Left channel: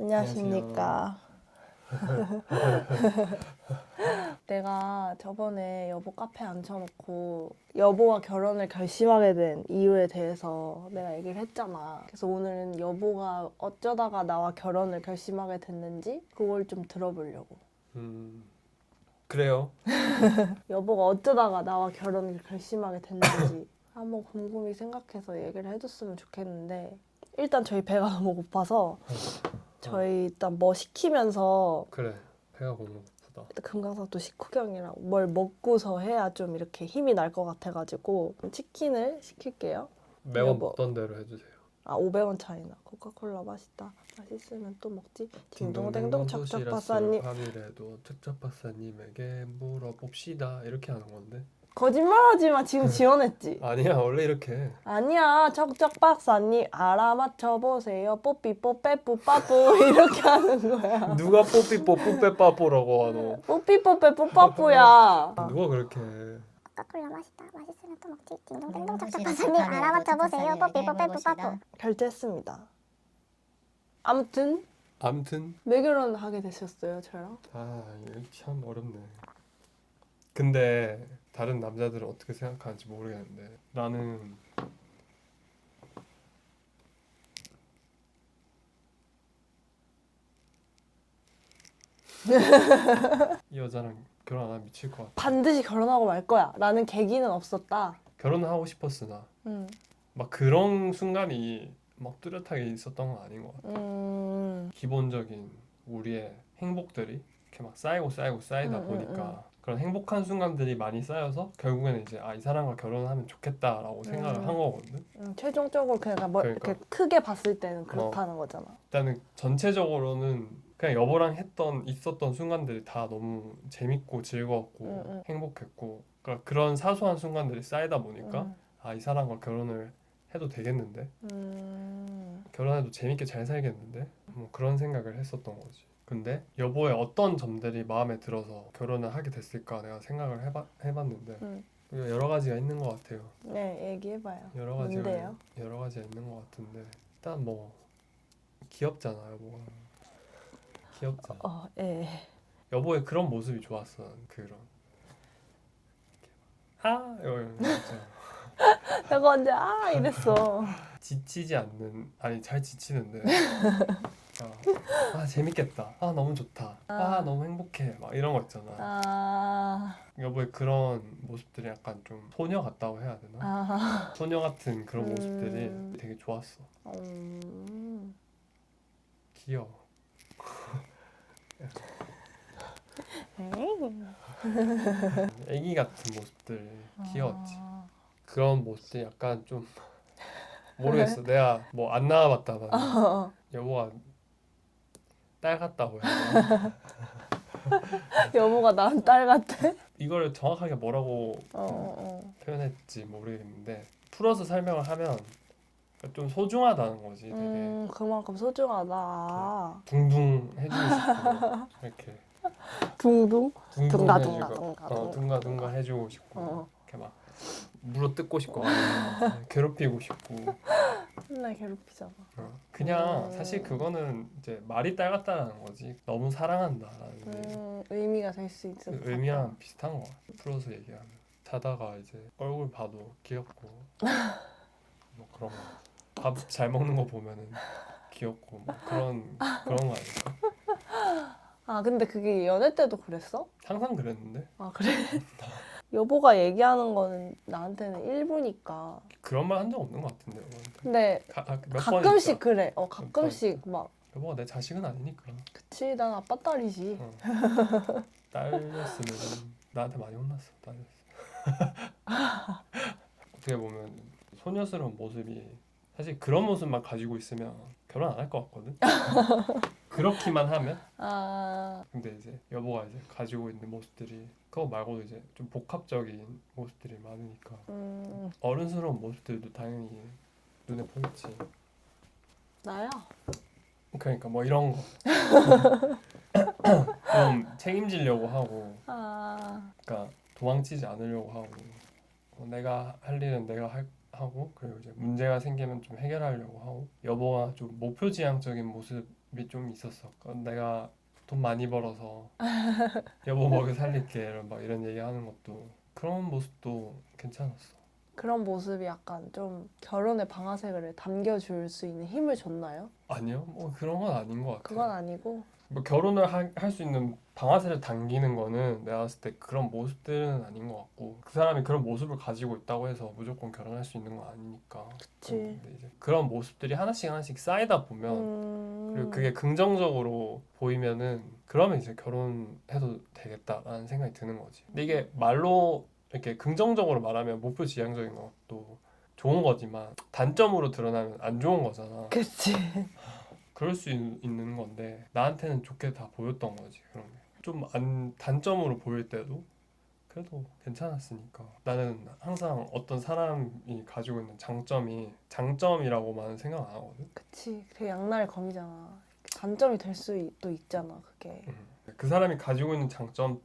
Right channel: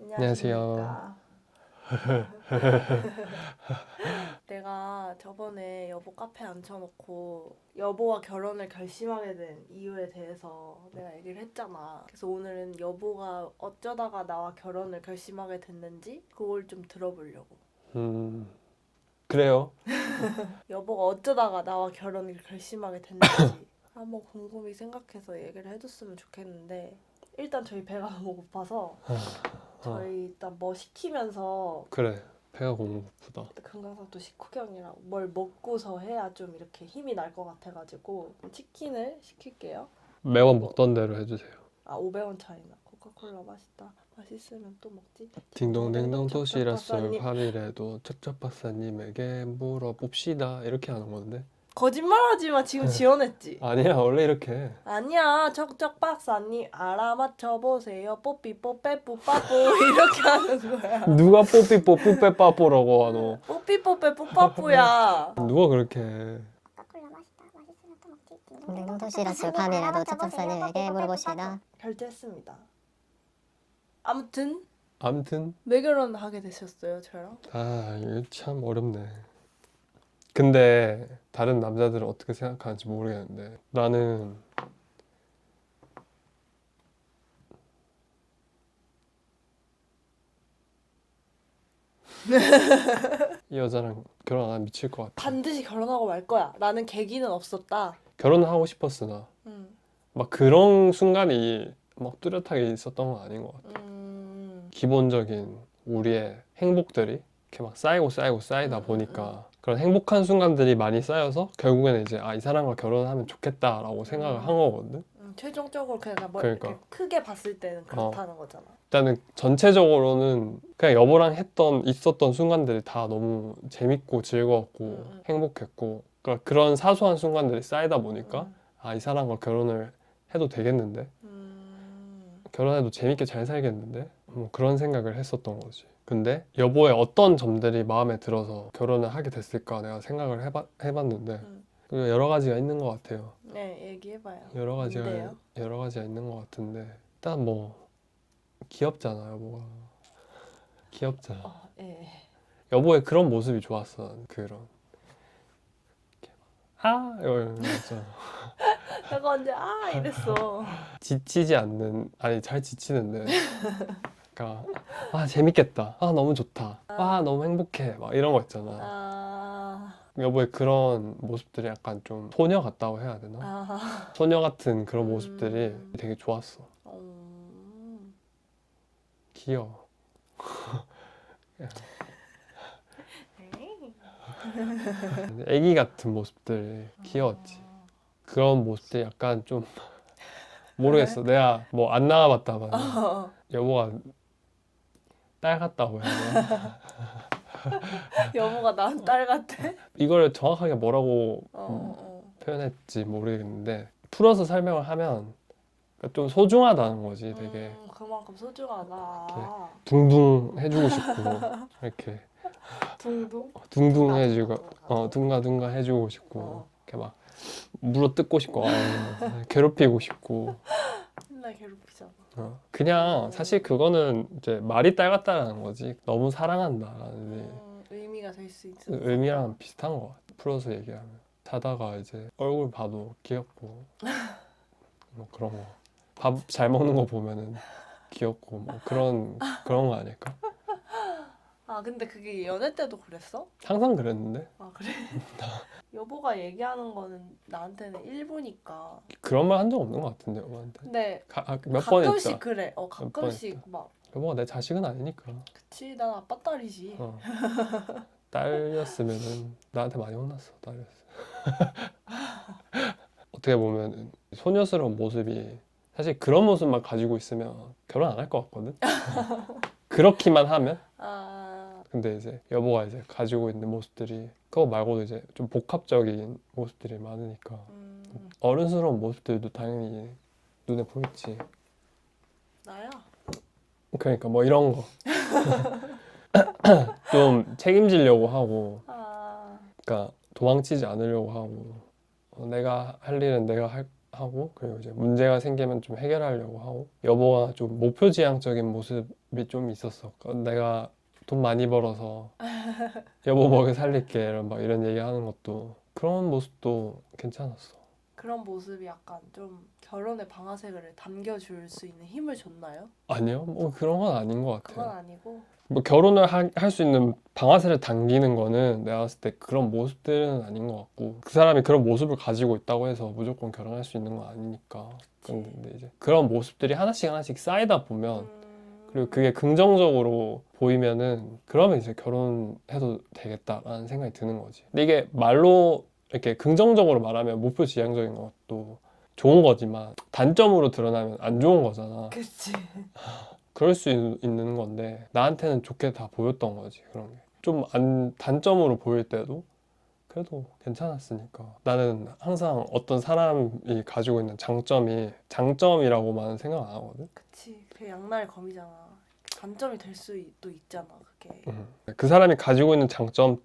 안녕하십니까. 내가 저번에 여보 카페에 앉혀놓고 여보와 결혼을 결심하게 된 이유에 대해서 내가 얘기를 했잖아. 그래서 오늘은 여보가 어쩌다가 나와 결혼을 결심하게 됐는지 그걸 좀 들어보려고. 그래요. 여보가 어쩌다가 나와 결혼을 결심하게 됐는지 한번 곰곰이 생각해서 얘기를 해줬으면 좋겠는데, 일단 저희 배가 너무 고파서 저희 일단 뭐 시키면서, 그래. 배가 고프다. 금강산도 식후경이랑 뭘 먹고서 해야 좀 이렇게 힘이 날 것 같아가지고 치킨을 시킬게요. 매번 뭐- 먹던 대로 해주세요. 500원 차이나. 코카콜라 맛있다. 맛있으면 또 먹지. 딩동댕동 도시락술 찹찹박사님. 8일에도 찹찹박사님에게 물어봅시다. 이렇게 하는 건데. 거짓말하지마. 지금 지원했지. 아니야, 원래 이렇게 해. 아니야. 척척박사님 알아맞혀보세요. 뽀삐뽀빼뿌빠뽀 이렇게 하는 거야. 누가 뽀삐 뽀삐 빼빠뽀라고 하노. 뽀삐뽀빼뿌빠뽀야. 누가 그렇게 해. 코카콜라 맛있다. 맛있으면 또 먹지. 딩동댕동 찹찹박사님 알아맞혀보세요. 뽀삐뽀빼뿌빠뽀. 결제했습니다. 아무튼 아무튼 왜 결혼하게 되셨어요, 저랑? 이거 참 어렵네. 근데 다른 남자들은 어떻게 생각하는지 모르겠는데 나는 이 여자랑 결혼 안 하면 미칠 것 같아. 반드시 결혼하고 말 거야. 라는 계기는 없었다. 결혼하고 싶었으나 막 그런 순간이 막 뚜렷하게 있었던 건 아닌 것 같아. 기본적인 우리의 행복들이 이렇게 막 쌓이다 보니까 그런 행복한 순간들이 많이 쌓여서 결국에는 이제 이 사람과 결혼하면 좋겠다라고 생각을 한 거거든. 최종적으로 그냥 뭐 그러니까. 이렇게 크게 봤을 때는 그렇다는 거잖아. 일단은 전체적으로는 그냥 여보랑 있었던 순간들이 다 너무 재밌고 즐거웠고 행복했고, 그러니까 그런 사소한 순간들이 쌓이다 보니까 이 사람과 결혼을 해도 되겠는데, 결혼해도 재밌게 잘 살겠는데, 뭐 그런 생각을 했었던 거지. 근데 여보의 어떤 점들이 마음에 들어서 결혼을 하게 됐을까 내가 생각을 해봤는데 여러 가지가 있는 것 같아요. 네, 얘기해봐요. 여러 뭔데요? 가지가 있는 것 같은데, 일단 뭐 귀엽잖아, 여보가. 귀엽잖아. 예. 여보의 그런 모습이 좋았어. 난 그런 이거 있잖아. 내가 언제 이랬어. 지치지 않는, 아니 잘 지치는데 그러니까 재밌겠다, 너무 좋다, 너무 행복해, 막 이런 거 있잖아. 여보의 그런 모습들이 약간 좀 소녀 같다고 해야 되나? 소녀 같은 그런 모습들이 되게 좋았어. 귀여워. 애기 같은 모습들 귀여웠지. 그런 모습들 약간 좀 모르겠어. 내가 뭐 안 나가봤다만 여보가 딸 같다고 해야 되나? 여보가 난 딸 같아? 이걸 정확하게 뭐라고 표현했지 모르겠는데, 풀어서 설명을 하면 좀 소중하다는 거지. 되게 그만큼 소중하다. 둥둥 해주고 싶고 이렇게 둥둥? 둥둥 해주고 둥가. 둥가둥가 해주고 싶고 이렇게 막 물어뜯고 싶고 괴롭히고 싶고. 맨날 괴롭히잖아. 그냥 사실 그거는 이제 말이 딸 같다라는 거지. 너무 사랑한다라는 의미가 될 수 있어. 의미랑 비슷한 거 같아. 풀어서 얘기하면 자다가 이제 얼굴 봐도 귀엽고 뭐 그런 거. 밥 잘 먹는 거 보면은 귀엽고 뭐 그런 거 아닐까? 근데 그게 연애 때도 그랬어? 항상 그랬는데 그래? 여보가 얘기하는 거는 나한테는 일부니까. 그런 말 한 적 없는 것 같은데 여보한테. 근데 몇 번 했다. 가끔씩 그래. 가끔씩 막. 여보가 내 자식은 아니니까. 그치, 난 아빠 딸이지. 딸이었으면은 나한테 많이 혼났어. 딸이었어. 어떻게 보면 소녀스러운 모습이, 사실 그런 모습만 가지고 있으면 결혼 안 할 것 같거든. 그렇기만 하면. 근데 이제 여보가 이제 가지고 있는 모습들이 그거 말고도 이제 좀 복합적인 모습들이 많으니까 어른스러운 모습들도 당연히 눈에 보이지. 나야? 그러니까 뭐 이런 거 좀 책임지려고 하고, 그러니까 도망치지 않으려고 하고, 내가 할 일은 내가 하고 그리고 이제 문제가 생기면 좀 해결하려고 하고 여보가 좀 목표지향적인 모습이 좀 있었어. 그러니까 내가 돈 많이 벌어서 여보 먹여 살릴게 막 이런 얘기하는 것도 그런 모습도 괜찮았어. 그런 모습이 약간 좀 결혼의 방아쇠를 당겨줄 수 있는 힘을 줬나요? 아니요, 뭐 그런 건 아닌 것 같아. 그건 아니고. 뭐 결혼을 할 수 있는 방아쇠를 당기는 거는 내가 봤을 때 그런 모습들은 아닌 것 같고 그 사람이 그런 모습을 가지고 있다고 해서 무조건 결혼할 수 있는 건 아니니까. 그치. 근데 이제 그런 모습들이 하나씩 쌓이다 보면 그리고 음. 그게 긍정적으로 보이면은 그러면 이제 결혼해도 되겠다라는 생각이 드는 거지. 근데 이게 말로 이렇게 긍정적으로 말하면 목표지향적인 것도 좋은 거지만 단점으로 드러나면 안 좋은 거잖아. 그치. 그럴 수 있는 건데 나한테는 좋게 다 보였던 거지. 그런 게 좀 단점으로 보일 때도 그래도 괜찮았으니까. 나는 항상 어떤 사람이 가지고 있는 장점이 장점이라고만 생각 안 하거든. 그치. 그 양날 검이잖아. 단점이 될 수도 있잖아, 그게. 그 사람이 가지고 있는 장점이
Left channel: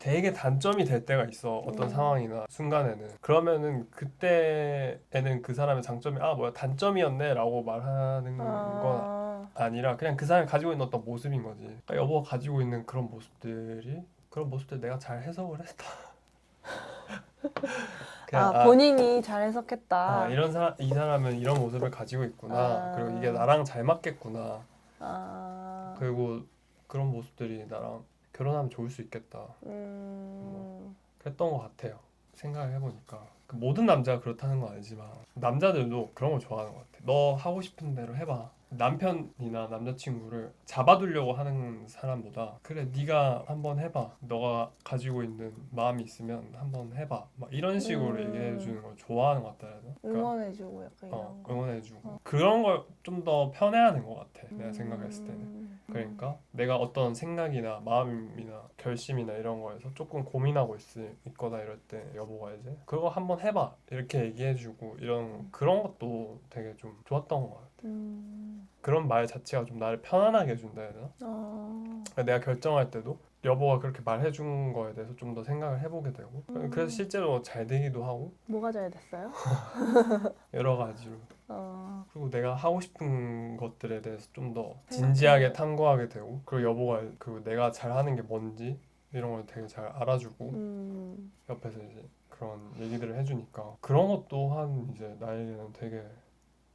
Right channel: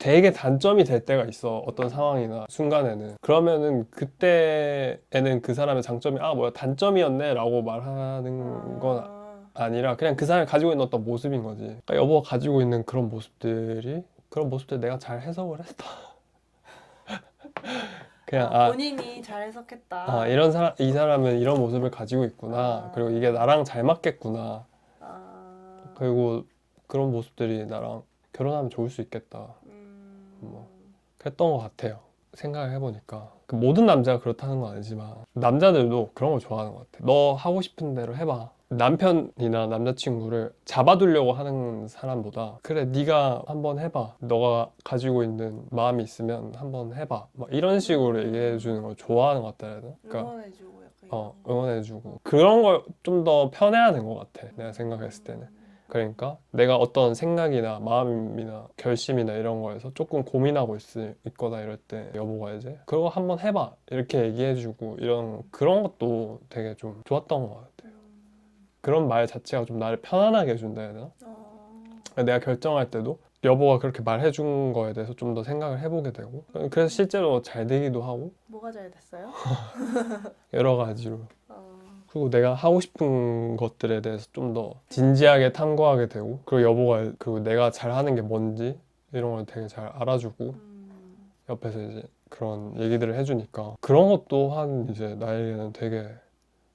되게 단점이 될 때가 있어. 어떤 상황이나 순간에는. 그러면은 그때에는 그 사람의 장점이 뭐야 단점이었네 라고 말하는 건 아니라 그냥 그 사람이 가지고 있는 어떤 모습인 거지. 그러니까 여보가 가지고 있는 그런 모습들 내가 잘 해석을 했다. 그냥 본인이 잘 해석했다. 이 사람은 이런 모습을 가지고 있구나. 아. 그리고 이게 나랑 잘 맞겠구나. 아. 그리고 그런 모습들이 나랑 결혼하면 좋을 수 있겠다. 그랬던 것 같아요. 생각을 해보니까 그 모든 남자가 그렇다는 건 아니지만 남자들도 그런 걸 좋아하는 것 같아. 너 하고 싶은 대로 해봐. 남편이나 남자친구를 잡아두려고 하는 사람보다 그래 네가 한번 해봐. 너가 가지고 있는 마음이 있으면 한번 해봐. 막 이런 식으로 얘기해주는 걸 좋아하는 것 같다 해야 되나? 그러니까 응원해주고 약간 이런 거. 응원해주고 그런 걸 좀 더 편해하는 것 같아. 내가 생각했을 때는. 그러니까 내가 어떤 생각이나 마음이나 결심이나 이런 거에서 조금 고민하고 있거나 이럴 때 여보가 이제 그거 한번 해봐 이렇게 얘기해주고 이런 그런 것도 되게 좀 좋았던 것 같아. 그런 말 자체가 좀 나를 편안하게 해준다 해야 되나? 내가 결정할 때도 여보가 그렇게 말해준 거에 대해서 좀 더 생각을 해보게 되고 그래서 실제로 잘 되기도 하고 뭐가 잘 됐어요? 여러 가지로. 그리고 내가 하고 싶은 것들에 대해서 좀 더 진지하게 탐구하게 되고 그리고 여보가 그리고 내가 잘하는 게 뭔지 이런 걸 되게 잘 알아주고 옆에서 이제 그런 얘기들을 해주니까 그런 것 또한 이제 나에게는 되게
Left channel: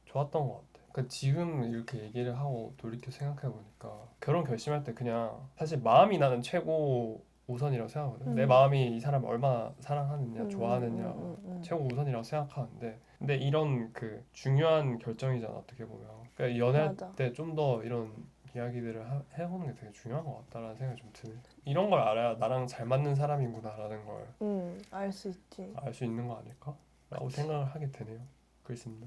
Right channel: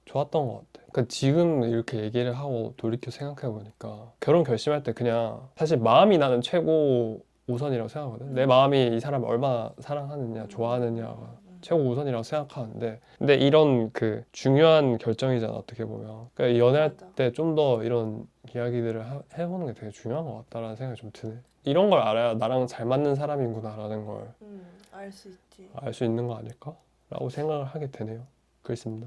좋았던 것 같아. 그러니까 지금 이렇게 얘기를 하고 돌이켜 생각해 보니까 결혼 결심할 때 그냥 사실 마음이 나는 최고 우선이라고 생각하거든. 내 마음이 이 사람을 얼마나 사랑하느냐 좋아하느냐 최고 우선이라고 생각하는데 근데 이런 그 중요한 결정이잖아 어떻게 보면. 그러니까 연애할 맞아. 때 좀 더 이런 이야기들을 해보는 게 되게 중요한 것 같다라는 생각이 좀 드네. 이런 걸 알아야 나랑 잘 맞는 사람이구나라는 걸 알 수 있지. 알 수 있는 거 아닐까? 라고 생각을 하게 되네요. 그렇습니다.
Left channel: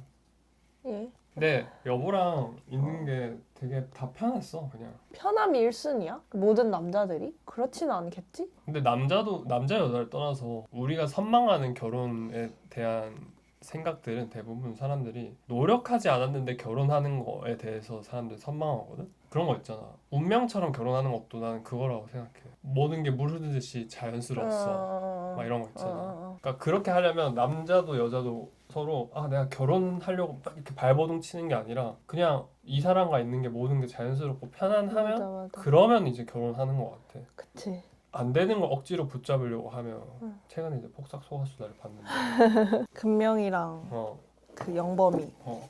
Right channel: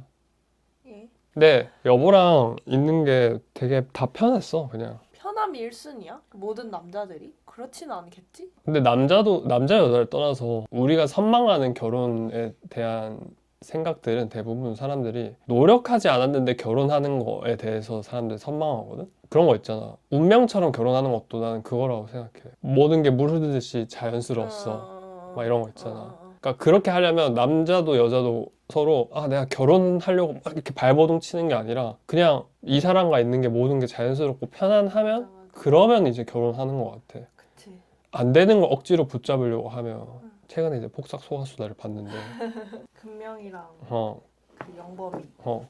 예. 근데 여보랑 있는 게 되게 다 편했어 그냥. 편함이 1순위야? 모든 남자들이? 그렇지는 않겠지? 근데 남자 여자를 떠나서 우리가 선망하는 결혼에 대한 생각들은 대부분 사람들이 노력하지 않았는데 결혼하는 거에 대해서 사람들이 선망하거든? 그런 거 있잖아. 운명처럼 결혼하는 것도 나는 그거라고 생각해. 모든 게 물 흐르듯이 자연스러웠어. 막 이런 거 있잖아. 그러니까 그렇게 하려면 남자도 여자도 서로 내가 결혼하려고 막 이렇게 발버둥 치는 게 아니라 그냥 이 사람과 있는 게 모든 게 자연스럽고 편안하면 맞아. 그러면 이제 결혼하는 것 같아. 그치. 안 되는 거 억지로 붙잡으려고 하면 최근에 이제 폭삭 소가수다를 봤는데 금명이랑 그 영범이.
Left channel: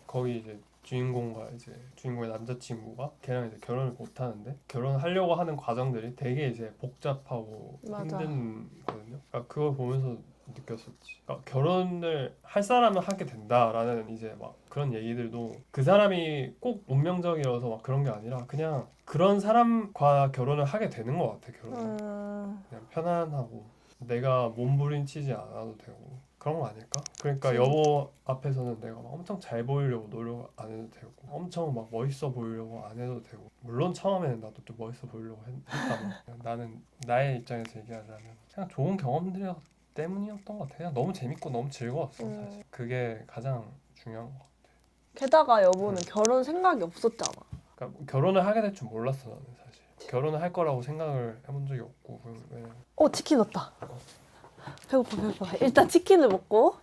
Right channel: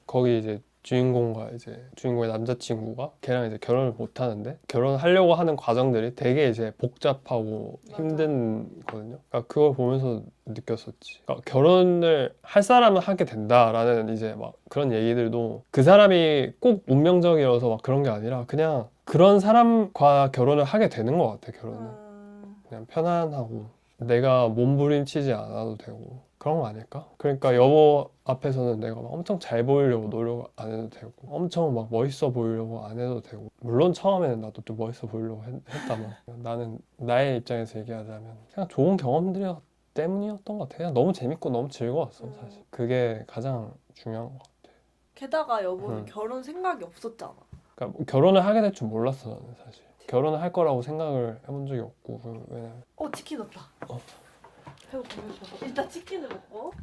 거기 이제 주인공의 남자친구가 걔랑 이제 결혼을 못 하는데 결혼하려고 하는 과정들이 되게 이제 복잡하고 맞아. 힘든거든요. 그러니까 그걸 보면서 느꼈었지. 그러니까 결혼을 할 사람은 하게 된다라는 이제 막 그런 얘기들도 그 사람이 꼭 운명적이어서 막 그런 게 아니라 그냥 그런 사람과 결혼을 하게 되는 것 같아. 결혼은 그냥 편안하고 내가 몸부림치지 않아도 되고 그런 거 아닐까? 그러니까 여보 앞에서는 내가 막 엄청 잘 보이려고 노력 안 해도 되고 엄청 막 멋있어 보이려고 안 해도 되고 물론 처음에는 나도 좀 멋있어 보이려고 했다만 나는 나의 입장에서 얘기하자면 그냥 좋은 경험들이 때문이었던 것 같아. 그냥 너무 재밌고 너무 즐거웠어 사실. 그게 가장 중요한 것 같아. 게다가 여보는 결혼 생각이 없었잖아. 그러니까 결혼을 하게 될 줄 몰랐어 나는 사실. 결혼을 할 거라고 생각을 해본 적이 없고 왜냐면 치킨 왔다. 배고파. 일단 치킨을 먹고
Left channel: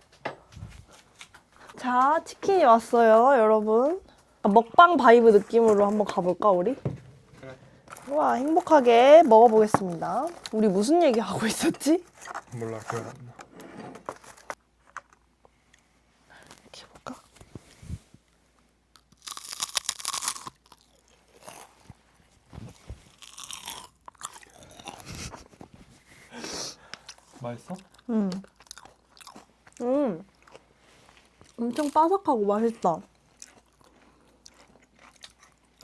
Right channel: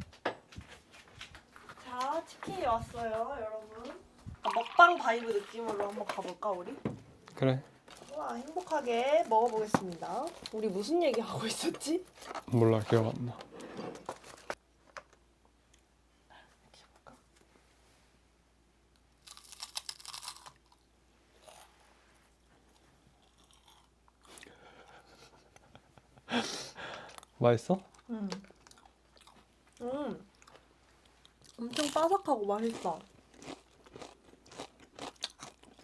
자, 치킨이 왔어요, 여러분. 먹방 바이브 느낌으로 한번 가볼까, 우리? 그래. 우와, 행복하게 먹어보겠습니다. 우리 무슨 얘기 하고 있었지? 몰라, 기억 안 나. 이렇게 볼까? 맛있어? 엄청 바삭하고 맛있다.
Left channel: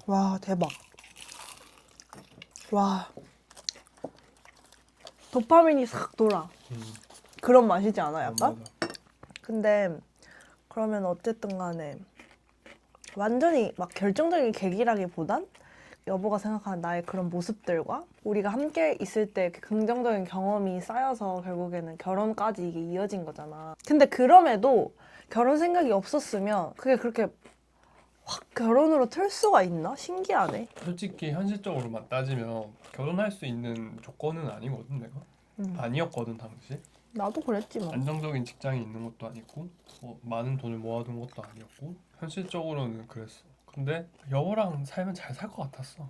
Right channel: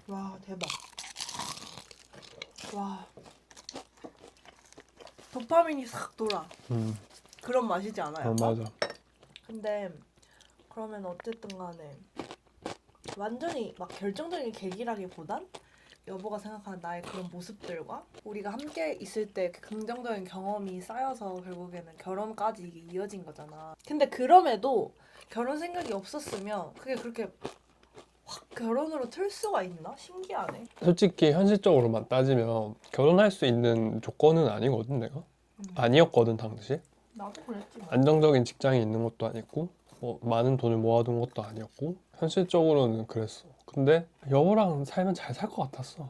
와, 대박. 와. 도파민이 싹 돌아. 그런 맛이지 않아요? 맞아. 근데 그러면 어쨌든 간에 완전히 막 결정적인 계기라기보단 여보가 생각하는 나의 그런 모습들과 우리가 함께 있을 때 그 긍정적인 경험이 쌓여서 결국에는 결혼까지 이게 이어진 거잖아. 근데 그럼에도 결혼 생각이 없었으면 그게 그렇게 확 결혼으로 틀 수가 있나? 신기하네. 솔직히 현실적으로만 따지면 결혼할 수 있는 조건은 아니거든, 내가. 아니었거든, 당시. 나도 그랬지만. 안정적인 직장이 있는 것도 아니고 뭐 많은 돈을 모아둔 것도 아니었고 현실적으로는 그랬어. 근데 여보랑 살면 잘 살 것 같았어.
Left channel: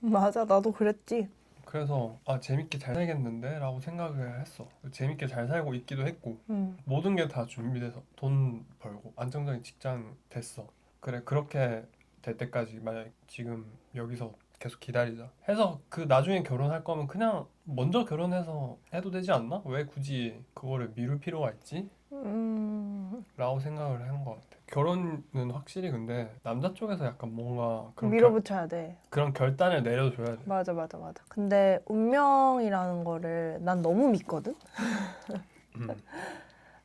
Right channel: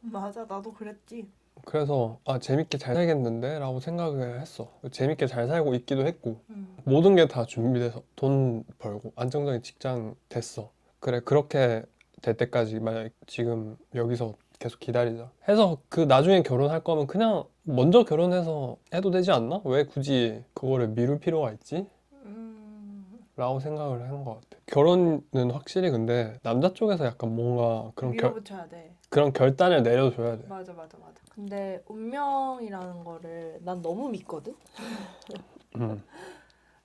맞아, 나도 그랬지. 그래서 아, 재밌게 잘 살겠는데? 라고 생각을 했어. 재밌게 잘 살고 있기도 했고 모든 게 다 준비돼서 돈 벌고 안정적인 직장 됐어. 그래, 그렇게 될 때까지 만약 지금 여기서 계속 기다리자 해서 그 나중에 결혼할 거면 그냥 먼저 결혼해서 해도 되지 않나? 왜 굳이 그거를 미룰 필요가 있지? 라고 생각을 하는 것 같아. 결혼은 확실히 근데 남자 쪽에서 약간 뭔가 밀어붙여야 돼. 그런 결단을 내려줘야 돼. 맞아. 근데 운명이라는 거를 난 너무 믿거든?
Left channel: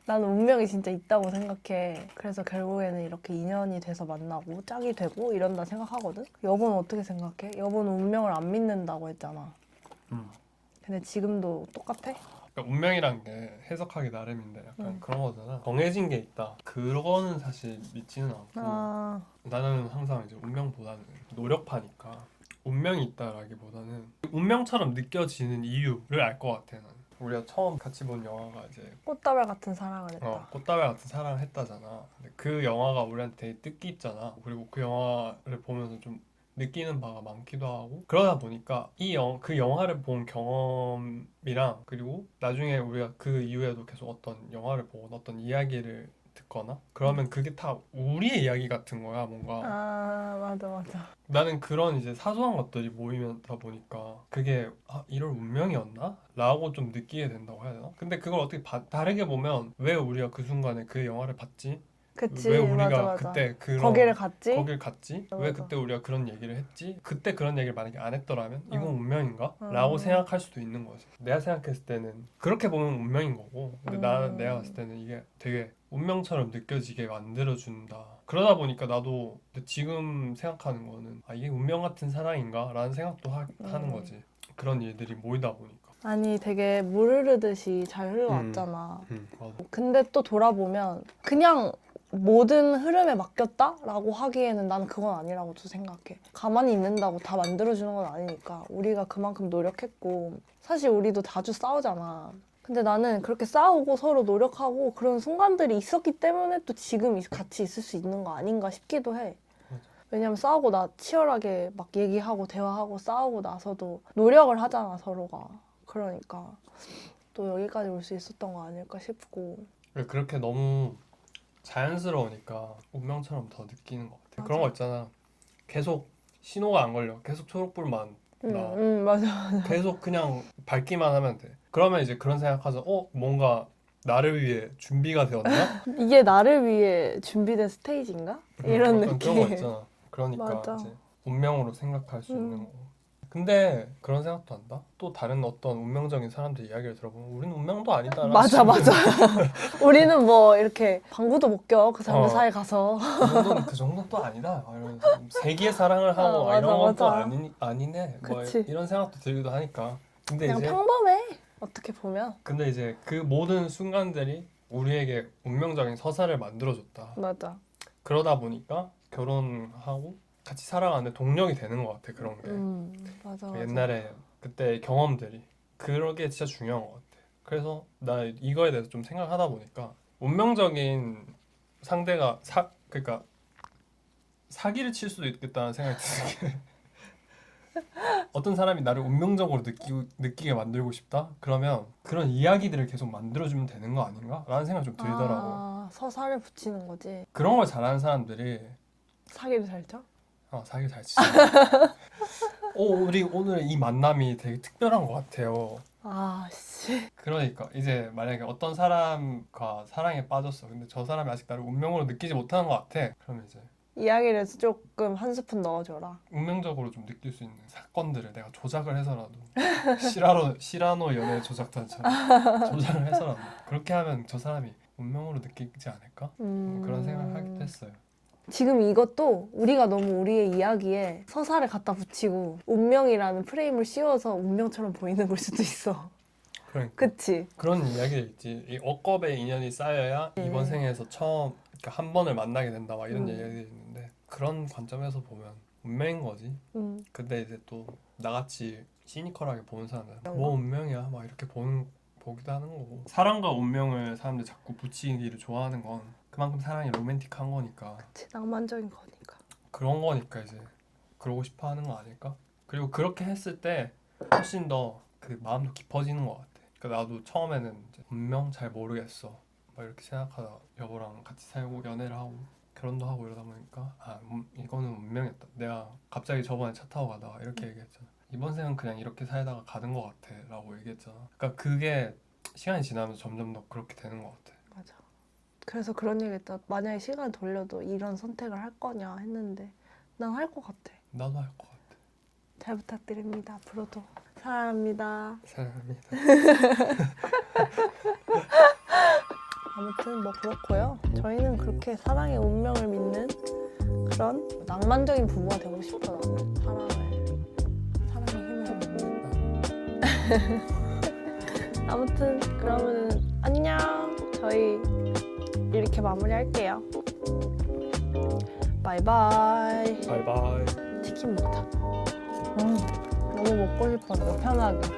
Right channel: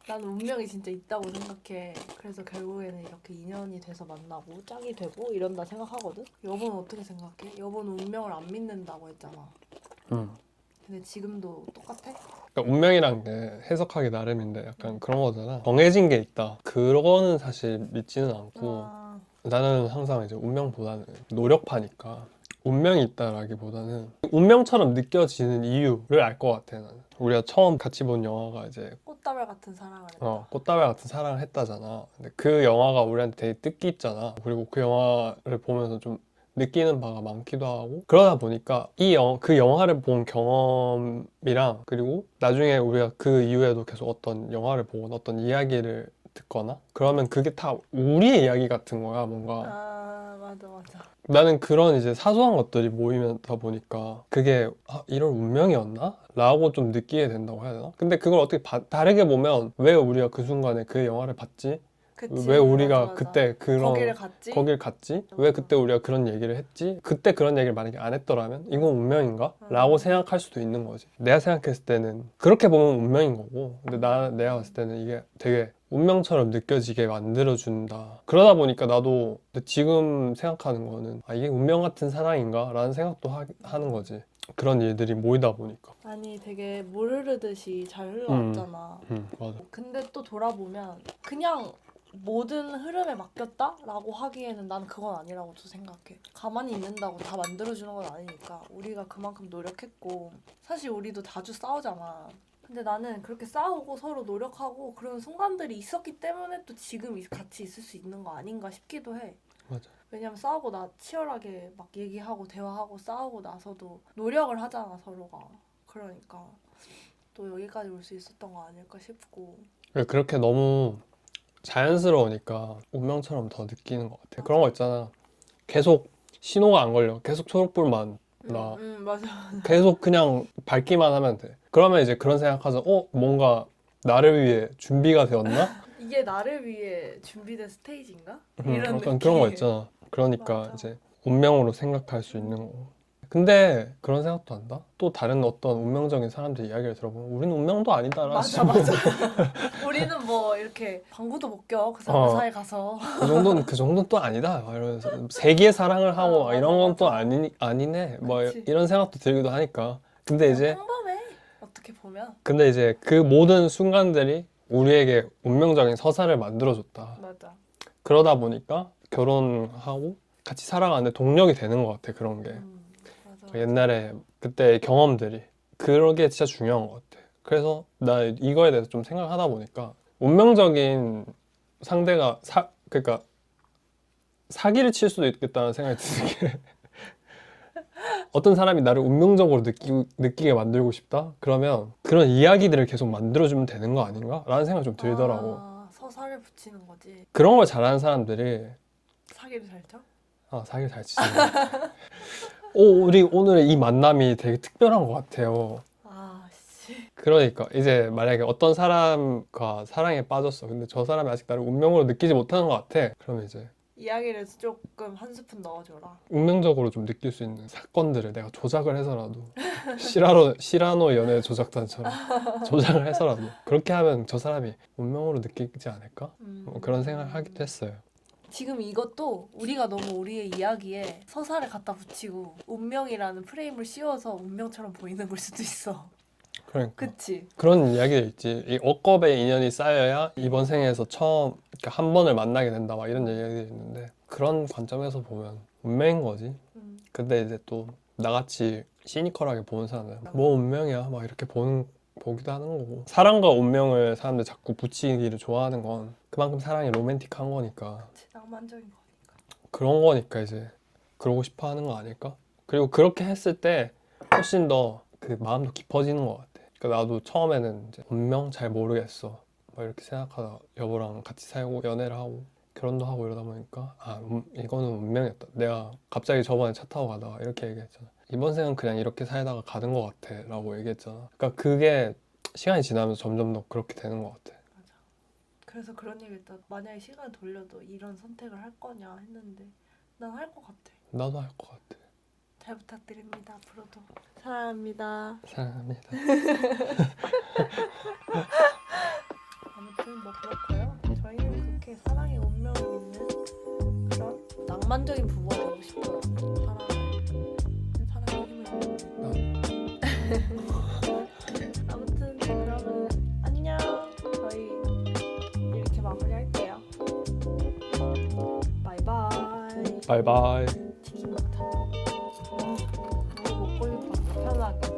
나는 운명이 진짜 있다고 생각해. 그래서 결국에는 이렇게 인연이 돼서 만나고 짝이 되고 이런다 생각하거든? 여보는 어떻게 생각해? 여보는 운명을 안 믿는다고 했잖아. 근데 지금도 똑같아? 그러니까 운명이란 게 해석하기 나름인데 약간 그런 거잖아. 정해진 게 있다. 그거는 사실 믿지는 않고 나는 항상 이제 운명보다는 노력파니까 운명이 있다라기보다는 운명처럼 느껴지는 이유를 알 것 같아. 나는. 우리가 처음 같이 본 영화가 이제 꽃다발 같은 사랑을 했다. 꽃다발 같은 사랑을 했다잖아. 근데 그 영화가 우리한테 되게 뜻깊잖아. 그리고 그 영화를 보면서 좀 느끼는 바가 많기도 하고 그러다 보니까 그 영화를 본 경험이랑 그리고 나중에 우리가 그 이후에도 계속 어떤 영화를 보거나 어떤 이야기를 듣거나 그러면 그게 다 우리의 이야기 같은 거야, 뭔가. 맞아. 나는 그런 이제 사소한 것들이 모이다 보니까 그게 이런 운명이었나? 라고 좀 느끼게 된다고 해야 되나? 근데 그걸 어떻게 다르게 보면 왜 우리가 그 순간에 그 영화를 봤지? 그치, 왜 우리가 맞아. 그때 거기를 갔지? 거길 갔지? 맞아. 왜 그때 우리가 그런 얘기를 했지? 그때 그런 얘기를 만약에 안 했더라면 이건 운명인가? 라고 생각할 수도 있는 거지. 내가 생각했을 때는 그렇게 보면 운명인 거고 근데 내가 봤을 때는 이게 되게 운명처럼 느껴지게 만들어준다. 그러다 보니까 나도 근데 지금 생각하는 거는 이게 운명 같은 사랑인가? 라는 생각도 하는 거지. 그런 일들이 모이다 보니까. 아니, 되게 물 흐르듯이 잘 흘러왔잖아. 맞아. 근데 또 돌아보면 그냥 모든 흐름에 맡겼다라고 하기에는 난 그건 아니라고 또 생각해. 가만히 있는다고 다 만들어주는 건 아니니까 우리가 그만큼 노력했고 사실 우리도 자주 싸우잖아. 근데 나는 그렇게 싸우고 서로 노력하고 그런 순간들이 있었기 때문에 또 지금 같이 있을 수 있는 거 아닌가 싶기도 해. 맞아. 왜냐면 싸우고 치열하게 막 얘기하고 대화하고 싸우고 나서도 노력을 하잖아, 서로가. 그러니까 또 여기까지 올 수 있었던 거 아닐까 싶고. 그렇게 너무 자연스러우니까 운명처럼 더 느끼는 것 같아. 맞아. 그런 거 있잖아. 계속 신호가 안 걸려. 계속 초록불만 나. 맞아. 계속 그냥 밝기만 하면 돼. 그러면 이제 그런 생각하자. 뭔가 나를 위해 준비가 되었나? 이게 나를 위해 준비된 스테이지인가? 이런 약간 느낌. 그런 거 있잖아. 그러니까 맞아. 이제 운명으로 생각할 수 있는 거고. 근데 그런 생각도 한다? 또 다른 어떤 운명적인 사람들 이야기를 들어보면 우리는 운명도 아니다. 맞아. 우리는 뭐 이렇게 방구도 못 껴. 그 사람 사이 가서. 그 정도는 또 아니다. 막 이러면서 세기의 사랑을 하고 맞아, 이런 건 또 맞아. 아니네. 뭐 그치. 이런 생각도 들기도 하니까. 근데 그냥 이제 평범해. 어떻게 보면. 근데 이제 그 모든 순간들이 우리에게 운명적인 서사를 만들어줬다. 맞아. 그러다 보니까 결혼하고 같이 살아가는 동력이 되는 것 같아. 그런 게. 맞아. 옛날에 그때의 경험들이 그런 게 진짜 중요한 것 같아. 그래서 나 이거에 대해서 좀 생각하다 보니까 운명적인 상대가 그러니까 사기를 칠 수도 있겠다는 생각이 드는 게 어떤 사람이 나를 운명적으로 느끼게 만들고 싶다? 그러면 그런 이야기들을 계속 만들어주면 되는 거 아닌가? 라는 생각이 좀 들더라고. 서사를 붙이는 거지. 그런 걸 잘하는 사람들이 사기를 잘 쳐? 사기 잘 치죠. 우리 오늘 이 만남이 되게 특별한 것 같아요. 씨. 그러니까 이제 만약에 어떤 사람과 사랑에 빠졌어. 근데 저 사람이 아직 나를 운명으로 느끼지 못하는 것 같아. 그러면 이제 이야기를 조금 한 스푼 넣어줘라. 운명적으로 좀 느낄 수 있는 사건들을 내가 조작을 해서라도 시라노 연애 조작단처럼 조작을 해서라도 그렇게 하면 저 사람이 운명으로 느끼지 않을까? 그런 생각을 하기도 했어요. 지금 이것도 우리가 너무 우리의 이야기에 서사를 갖다 붙이고 운명이라는 프레임을 씌워서 운명처럼 보이는 걸 수도 있어. 그러니까 그치? 그런 이야기들 있지. 이 억겁의 인연이 쌓여야 이번 생에서 처음 그러니까 한 번을 만나게 된다 막 이런 얘기들이 있는데 그런 관점에서 보면 운명인 거지. 근데 이제 또 나같이 시니컬하게 보는 사람은 뭐 운명이야 막 이렇게 보기도 하는 거고. 사랑과 운명을 사람들 자꾸 붙이기를 좋아하는 건 그만큼 사랑이 로맨틱한 거니까. 그치, 낭만적인 거니까. 그런 거니까 이제 그러고 싶어 하는 거 아닐까? 그리고 그렇게 했을 때 훨씬 더 그 마음도 깊어지는 것 같아. 그러니까 나도 처음에는 이제 운명 잘 모르겠어 막 이렇게 생각하다 여보랑 같이 살고 연애를 하고 결혼도 하고 이러다 보니까 이거는 운명이었다. 내가 갑자기 저번에 차 타고 가다가 이렇게 얘기했잖아. 이번 생은 그냥 이렇게 살다가 가는 것 같아 라고 얘기했잖아. 그러니까 그게 시간이 지나면서 점점 더 그렇게 되는 것 같아. 맞아. 그래서 그런 얘기 했다. 만약에 시간 돌려도 이런 선택을 할 거냐 했는데 난 할 것 같아. 나도 할 것 같아. 잘 부탁드립니다. 앞으로도 사랑합니다. 사랑합니다. 아무튼 뭐 그렇고요. 저희는 그렇게 사랑의 운명을 믿는 그런 낭만적인 부부가 되고 싶어요. 사랑의 힘을 믿는. 아무튼 그러면은 안녕. 저희 이렇게 마무리할게요. 바이바이. 바이바이. 치킨 먹자. 너무 먹고 싶었어. 편하게.